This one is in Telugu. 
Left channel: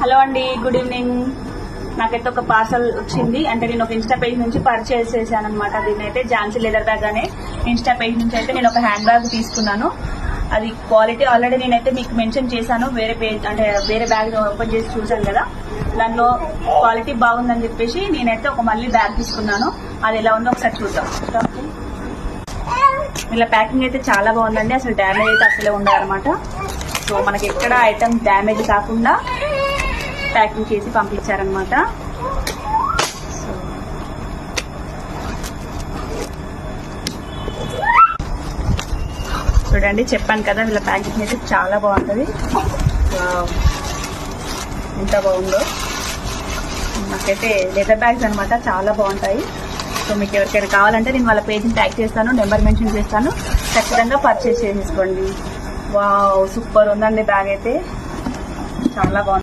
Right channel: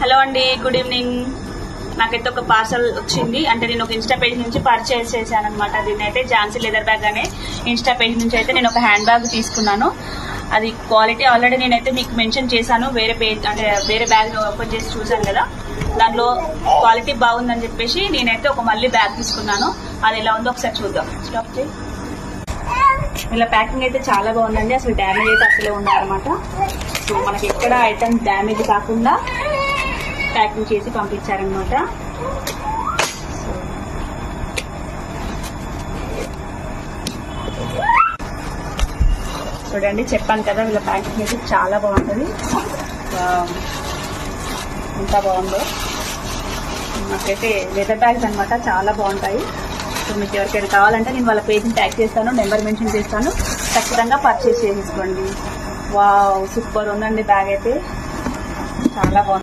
హలో అండి, గుడ్ ఈవినింగ్. నాకైతే ఒక పార్సల్ వచ్చింది. అంటే నేను ఒక ఇన్స్టా పేజ్ నుంచి పర్చేస్ చేశాను అనమాట. దీన్ని అయితే ఝాన్సీ లెదర్ బ్యాగ్ అనే ఇన్స్టా పేజ్ నుంచి అయితే నేను ఒక హ్యాండ్ బ్యాగ్ తీసుకున్నాను. అది క్వాలిటీ ఆల్రెడీ నేనైతే మీకు మెన్షన్ చేశాను. వేరే పేజ్ అంటే వేరే బ్యాగ్ ఓపెన్ చేసి చూశాను కదా, దానిలో క్వాలిటీ బాగుందని చెప్పేసి నేనైతే ఒక మళ్ళీ బ్యాగ్ తీసుకున్నాను. అది ఎలా ఉందో ఒకసారి చూద్దాం. ఇలా ప్యాకింగ్ అయితే చాలా బాగుందండి. అసలు డ్యామేజ్ అయితే అసలే ఉండదన్నమాట. సో మనకి ఎక్కడ ఐటమ్ డ్యామేజ్ కాకుండా ప్యాకింగ్ చేసి పంపించారనమాట. చూడండి, చెప్పాను కదా ఇలా ప్యాకింగ్ అయితే చాలా బాగుంటుంది. ఎంత బాగుందో. నాకైతే లెదర్ బ్యాగ్స్ అనమాట చాలా బాగుంటాయి. సో మీకు ఎవరికైనా కావాలంటే నేను వాళ్ళ పేజ్ని ట్యాగ్ చేస్తాను, నెంబర్ మెన్షన్ చేస్తాను. ఖచ్చితంగా పర్చేస్ చేసేసుకోండి. వావ్, సూపర్ ఉందండి బ్యాగ్ అయితే, చాలా బాగుంది.